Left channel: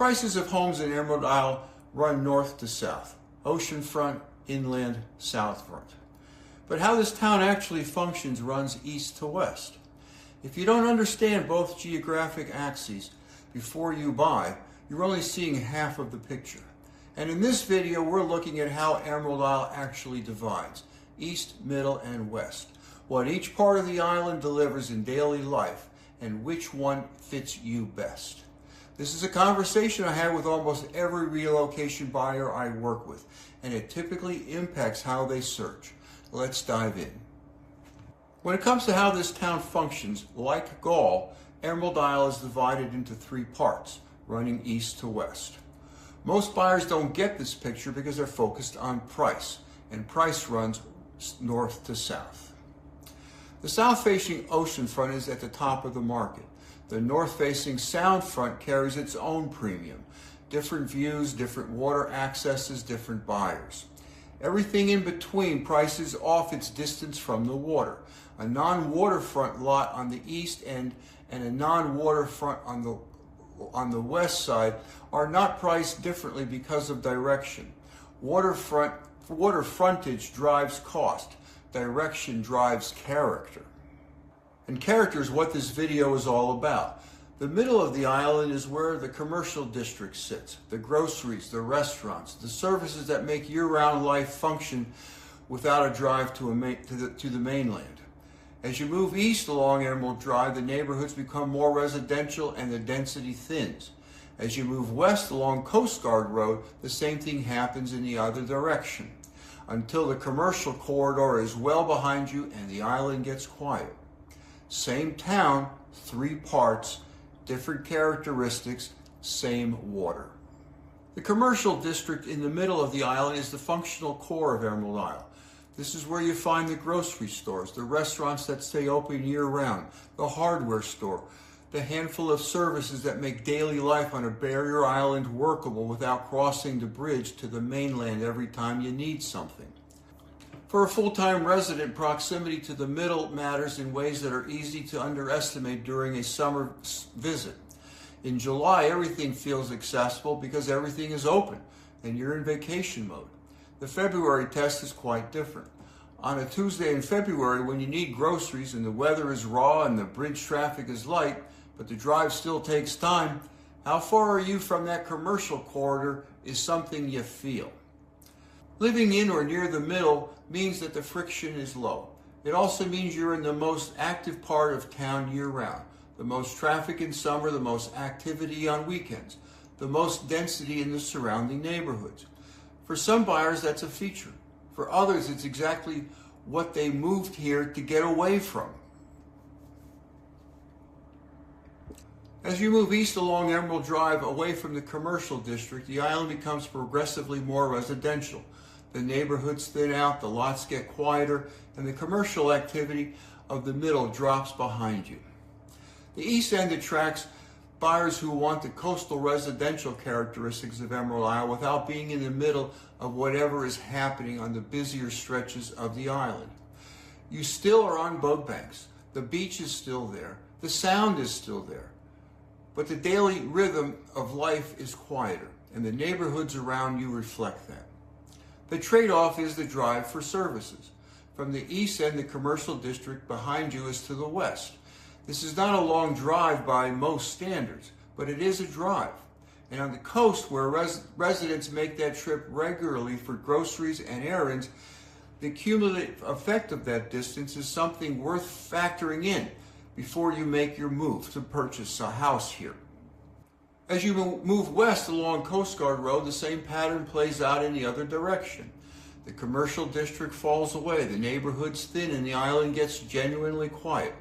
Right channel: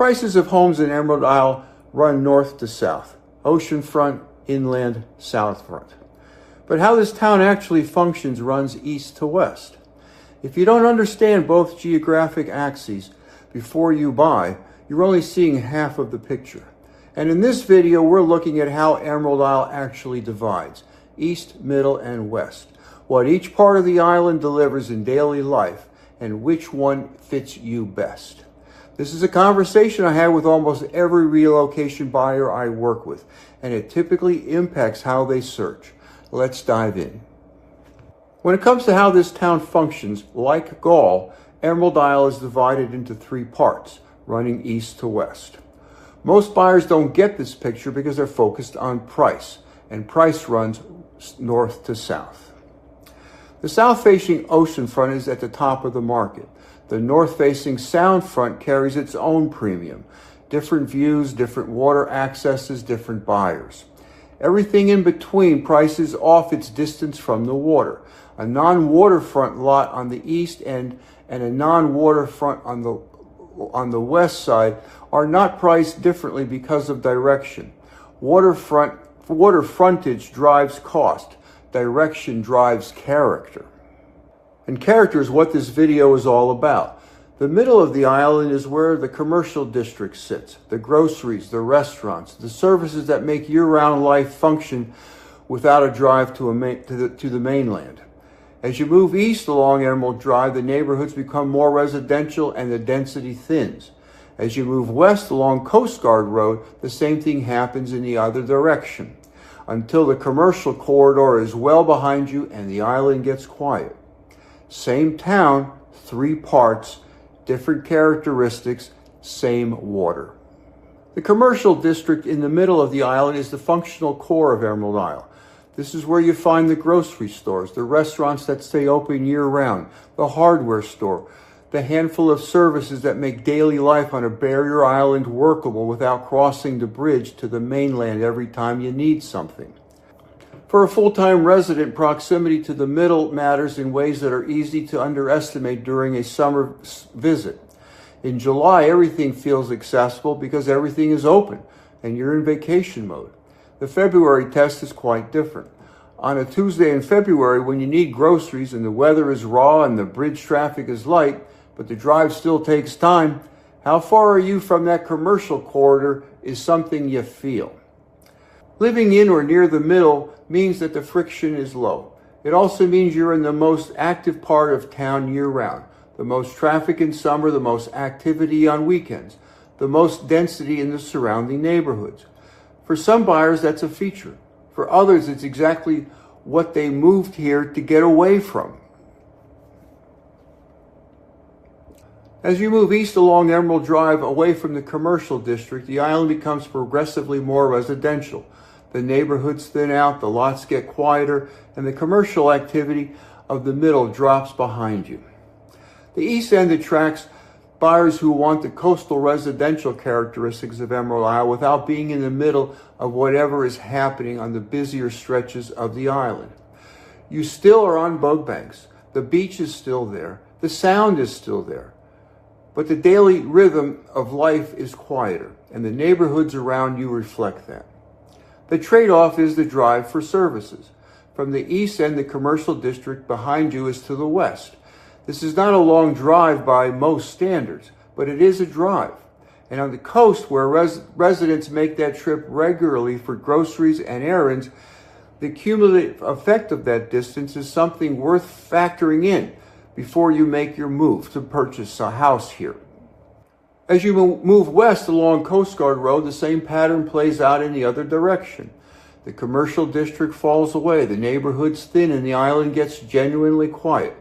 Prices of homes in Emerald Isle run north to south, oceanfront, inland, soundfront. But how this town actually functions runs east to west. If you don't understand both geographic axes before you buy, you're only seeing half of the picture. And in this video, we're looking at how Emerald Isle actually divides, east, middle, and west, what each part of the island delivers in daily life, and which one fits you best. This is a conversation I have with almost every relocation buyer I work with, and it typically impacts how they search. Let's dive in. When it comes to how this town functions, like Gaul, Emerald Isle is divided into three parts, running east to west. Most buyers don't get this picture because they're focused on price, and price runs north to south. The south-facing oceanfront is at the top of the market. The north-facing soundfront carries its own premium. Different views, different water accesses, different buyers. Everything in between prices off its distance from the water. A non-waterfront lot on the east end and a non-waterfront on the west side are not priced differently because of direction. Water frontage drives cost. Direction drives character. And character is what this video is all about. The middle of the island is where the commercial district sits, the groceries, the restaurants, the services that make year-round life function without a drive to the mainland. As you move east along Emerald Drive, the neighborhoods become more residential and the density thins. As you move west along Coast Guard Road, the same thing happens in the other direction, until the commercial corridor is well behind you and the island gets quiet. Same town, three parts, different characteristics, same water. The commercial district in the middle of the island is the functional core of Emerald Isle. This is where you find the grocery stores, the restaurants that stay open year-round, the hardware store, the handful of services that make daily life on a barrier island workable without crossing the bridge to the mainland every time you need something. For a full-time resident, proximity to the middle matters in ways that are easy to underestimate during a summer visit. In July, everything feels accessible because everything is open and you're in vacation mode. The February test is quite different. On a Tuesday in February, when you need groceries and the weather is raw and the bridge traffic is light, but the drive still takes time, how far are you from that commercial corridor is something you feel. Living in or near the middle means that the friction is low. It also means you're in the most active part of town year-round. The most traffic in summer, the most activity on weekends, the most density in the surrounding neighborhoods. For some buyers, that's a feature. For others, it's exactly what they moved here to get away from. As you move east along Emerald Drive away from the commercial district, the island becomes progressively more residential. The neighborhoods thin out, the lots get quieter, and the commercial activity of the middle drops behind you. The east end attracts buyers who want the coastal residential characteristics of Emerald Isle without being in the middle of whatever is happening on the busier stretches of the island. You still are on boat banks. The beach is still there. The sound is still there. But the daily rhythm of life is quieter, and the neighborhoods around you reflect that. The trade-off is the drive for services. From the east end, the commercial district behind you is to the west. This is not a long drive by most standards, but it is a drive. And on the coast, where residents make that trip regularly for groceries and errands, the cumulative effect of that distance is something worth factoring in before you make your move to purchase a house here. As you move west along Coast Guard Road, the same pattern plays out in the other direction. The commercial district falls away, the neighborhoods thin, and the island gets genuinely quiet.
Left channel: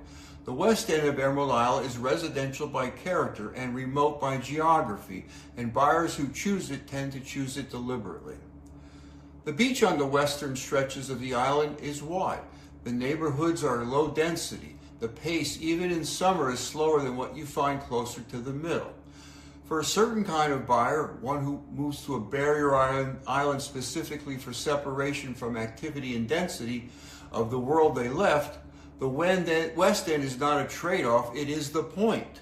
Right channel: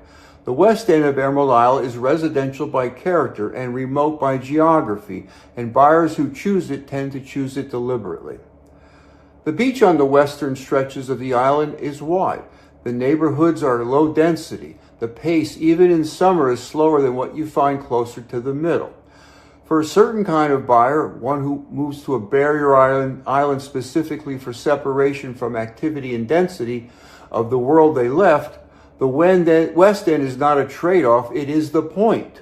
The west end of Emerald Isle is residential by character and remote by geography, and buyers who choose it tend to choose it deliberately. The beach on the western stretches of the island is wide. The neighborhoods are low density. The pace, even in summer, is slower than what you find closer to the middle. For a certain kind of buyer, one who moves to a barrier island specifically for separation from activity and density of the world they left, the west end is not a trade-off, it is the point.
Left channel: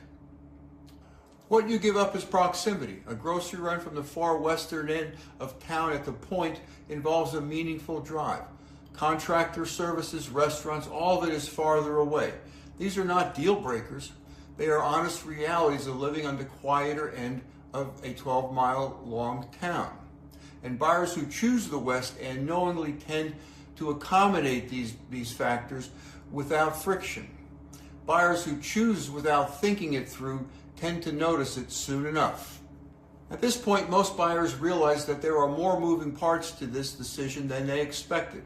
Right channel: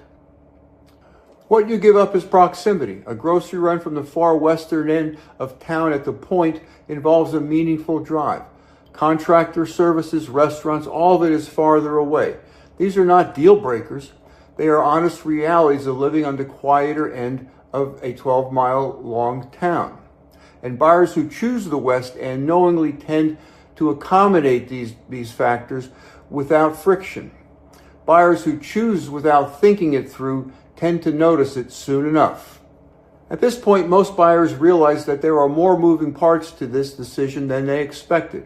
What you give up is proximity. A grocery run from the far western end of town at the Point involves a meaningful drive. Contractor services, restaurants, all of it is farther away. These are not deal breakers. They are honest realities of living on the quieter end of a 12-mile long town. And buyers who choose the West End knowingly tend to accommodate these factors without friction. Buyers who choose without thinking it through tend to notice it soon enough. At this point, most buyers realize that there are more moving parts to this decision than they expected.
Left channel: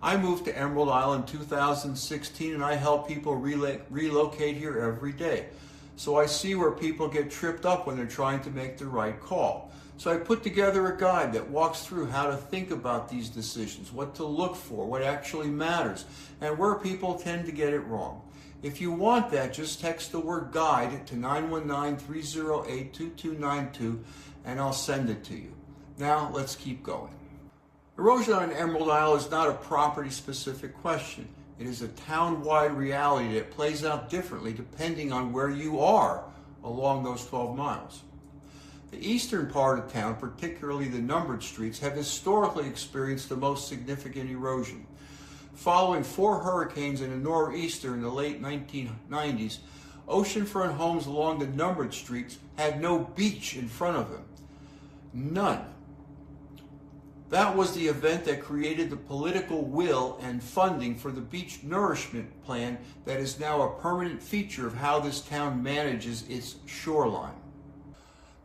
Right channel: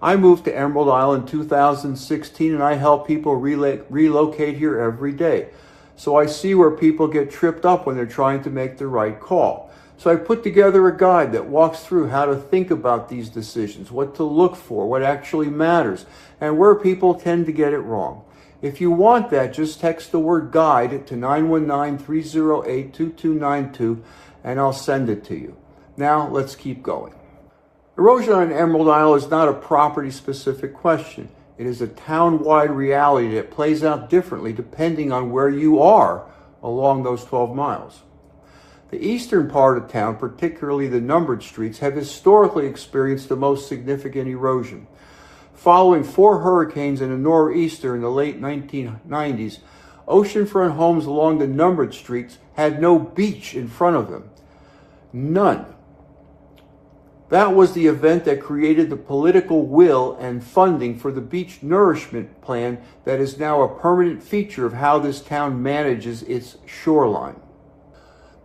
I moved to Emerald Isle in 2016, and I help people relocate here every day. So I see where people get tripped up when they're trying to make the right call. So I put together a guide that walks through how to think about these decisions, what to look for, what actually matters, and where people tend to get it wrong. If you want that, just text the word guide to 919-308-2292, and I'll send it to you. Now, let's keep going. Erosion on Emerald Isle is not a property-specific question. It is a town-wide reality that plays out differently depending on where you are along those 12 miles. The eastern part of town, particularly the numbered streets, have historically experienced the most significant erosion. Following 4 hurricanes and a nor'easter in the late 1990s, oceanfront homes along the numbered streets had no beach in front of them. None. That was the event that created the political will and funding for the beach nourishment plan that is now a permanent feature of how this town manages its shoreline.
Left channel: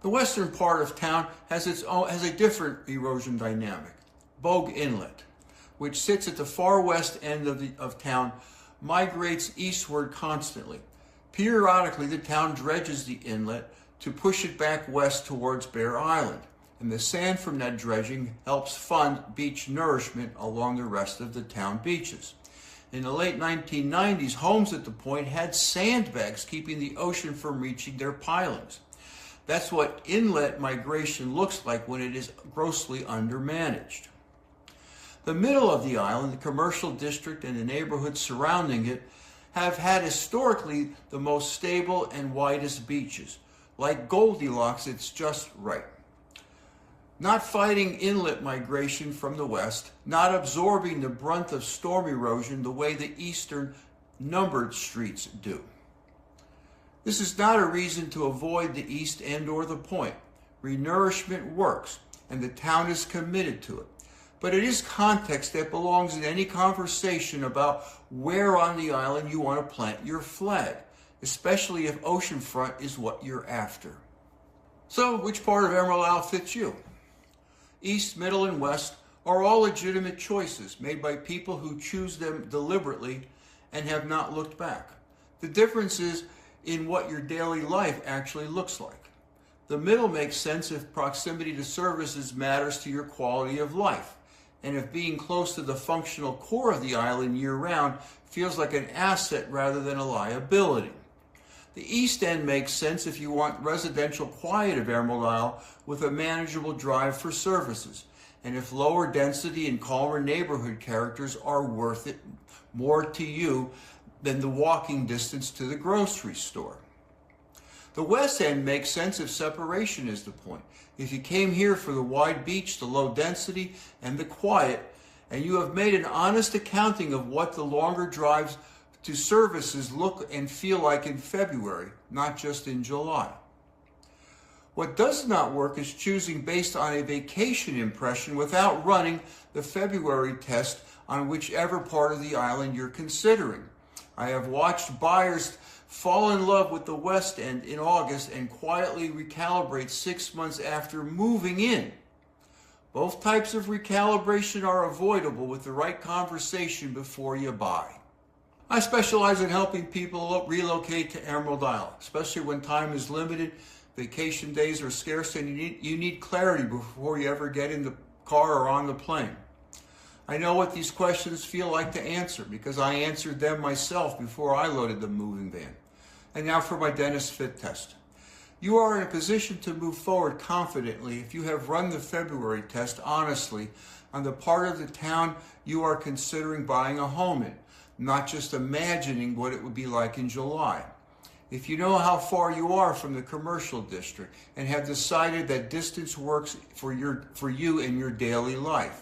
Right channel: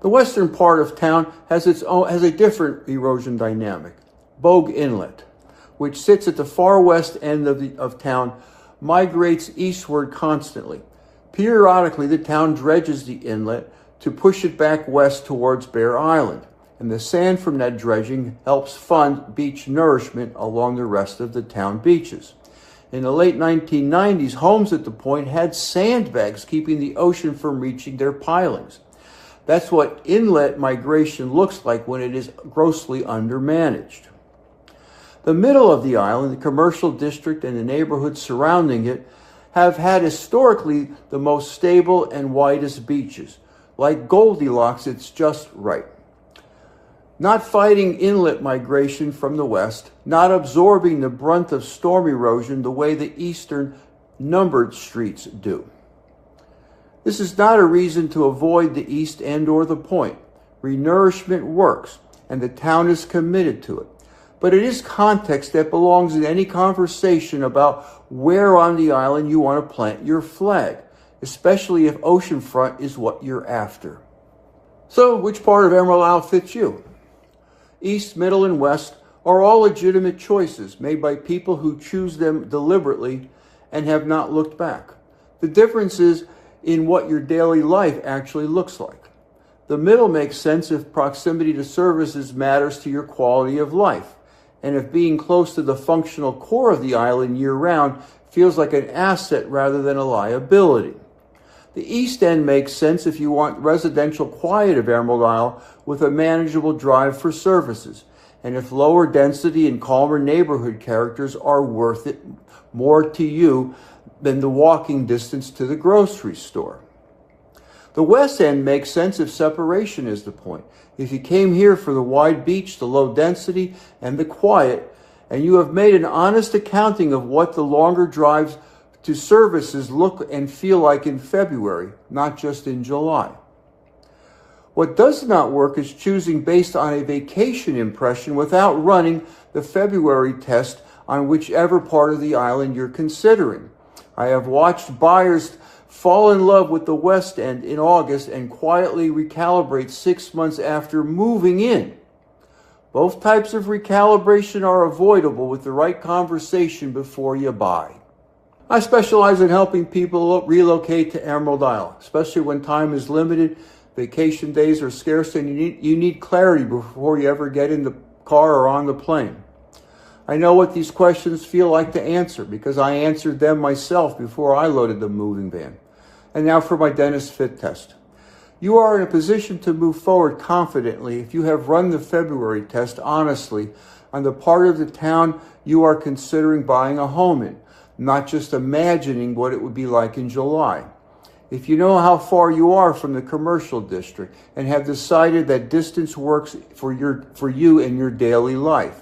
The western part of town has a different erosion dynamic. Bogue Inlet, which sits at the far west end of town, migrates eastward constantly. Periodically, the town dredges the inlet to push it back west towards Bear Island, and the sand from that dredging helps fund beach nourishment along the rest of the town beaches. In the late 1990s, homes at the Point had sandbags keeping the ocean from reaching their pilings. That's what inlet migration looks like when it is grossly undermanaged. The middle of the island, the commercial district and the neighborhoods surrounding it, have had historically the most stable and widest beaches. Like Goldilocks, it's just right. Not fighting inlet migration from the west, not absorbing the brunt of storm erosion the way the eastern numbered streets do. This is not a reason to avoid the East End or the Point. Renourishment works, and the town is committed to it. But it is context that belongs in any conversation about where on the island you want to plant your flag, especially if oceanfront is what you're after. So, which part of Emerald Isle fits you? East, middle, and west are all legitimate choices made by people who choose them deliberately and have not looked back. The difference is in what your daily life actually looks like. The middle makes sense if proximity to services matters to your quality of life, and if being close to the functional core of the island year-round feels like an asset rather than a liability. The East End makes sense if you want residential quiet of Emerald Isle with a manageable drive for services, and if lower density and calmer neighborhood characters are worth it more to you than the walking distance to the grocery store. The West End makes sense if separation is the point. If you came here for the wide beach, the low density, and the quiet, and you have made an honest accounting of what the longer drives to services look and feel like in February, not just in July. What does not work is choosing based on a vacation impression without running the February test on whichever part of the island you're considering. I have watched buyers fall in love with the West End in August and quietly recalibrate 6 months after moving in. Both types of recalibration are avoidable with the right conversation before you buy. I specialize in helping people relocate to Emerald Isle, especially when time is limited, vacation days are scarce, and you need clarity before you ever get in the car or on the plane. I know what these questions feel like to answer because I answered them myself before I loaded the moving van. And now for my Denis Fit Test. You are in a position to move forward confidently if you have run the February test honestly on the part of the town you are considering buying a home in, not just imagining what it would be like in July. if you know how far you are from the commercial district and have decided that distance works for you in your daily life.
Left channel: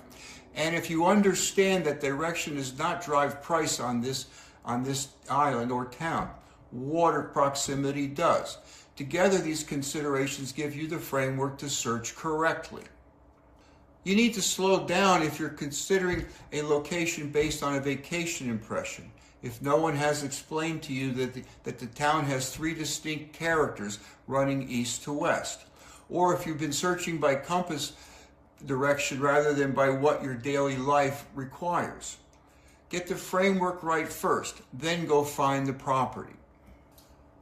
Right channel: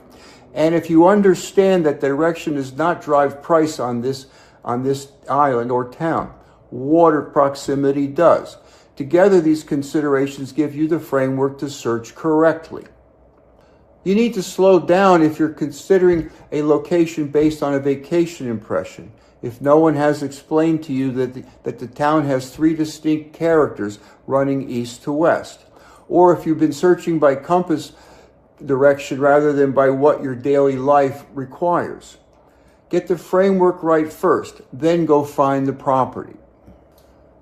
And if you understand that direction does not drive price on this island or town, water proximity does. Together, these considerations give you the framework to search correctly. You need to slow down if you're considering a location based on a vacation impression. If no one has explained to you that the town has 3 distinct characters running east to west, or if you've been searching by compass direction rather than by what your daily life requires. Get the framework right first, then go find the property.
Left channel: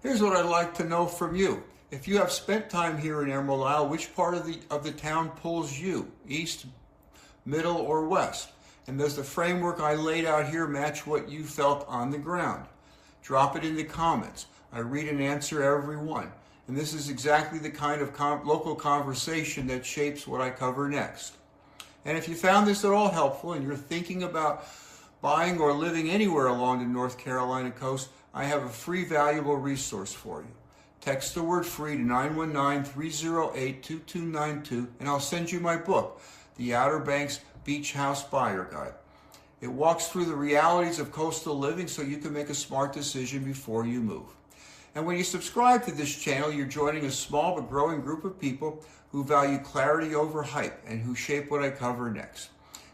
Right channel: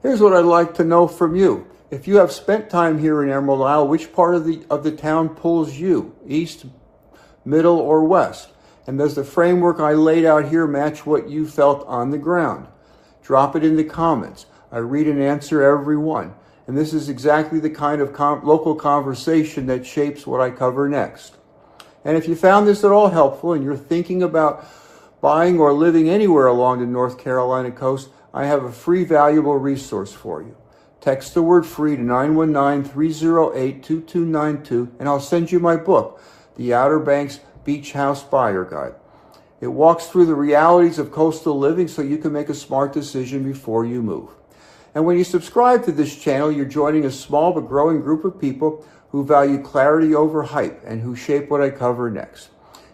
Here's what I'd like to know from you. If you have spent time here in Emerald Isle, which part of the town pulls you? East, middle, or west? And does the framework I laid out here match what you felt on the ground? Drop it in the comments. I read and answer every one. And this is exactly the kind of local conversation that shapes what I cover next. And if you found this at all helpful and you're thinking about buying or living anywhere along the North Carolina coast, I have a free, valuable resource for you. Text the word free to 919-308-2292, and I'll send you my book, The Outer Banks Beach House Buyer Guide. It walks through the realities of coastal living so you can make a smart decision before you move. And when you subscribe to this channel, you're joining a small but growing group of people who value clarity over hype and who shape what I cover next.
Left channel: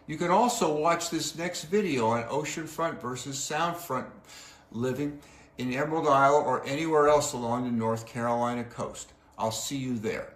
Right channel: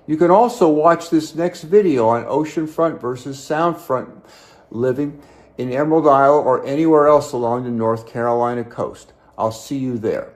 You can also watch this next video on oceanfront versus soundfront living in Emerald Isle or anywhere else along the North Carolina coast. I'll see you there.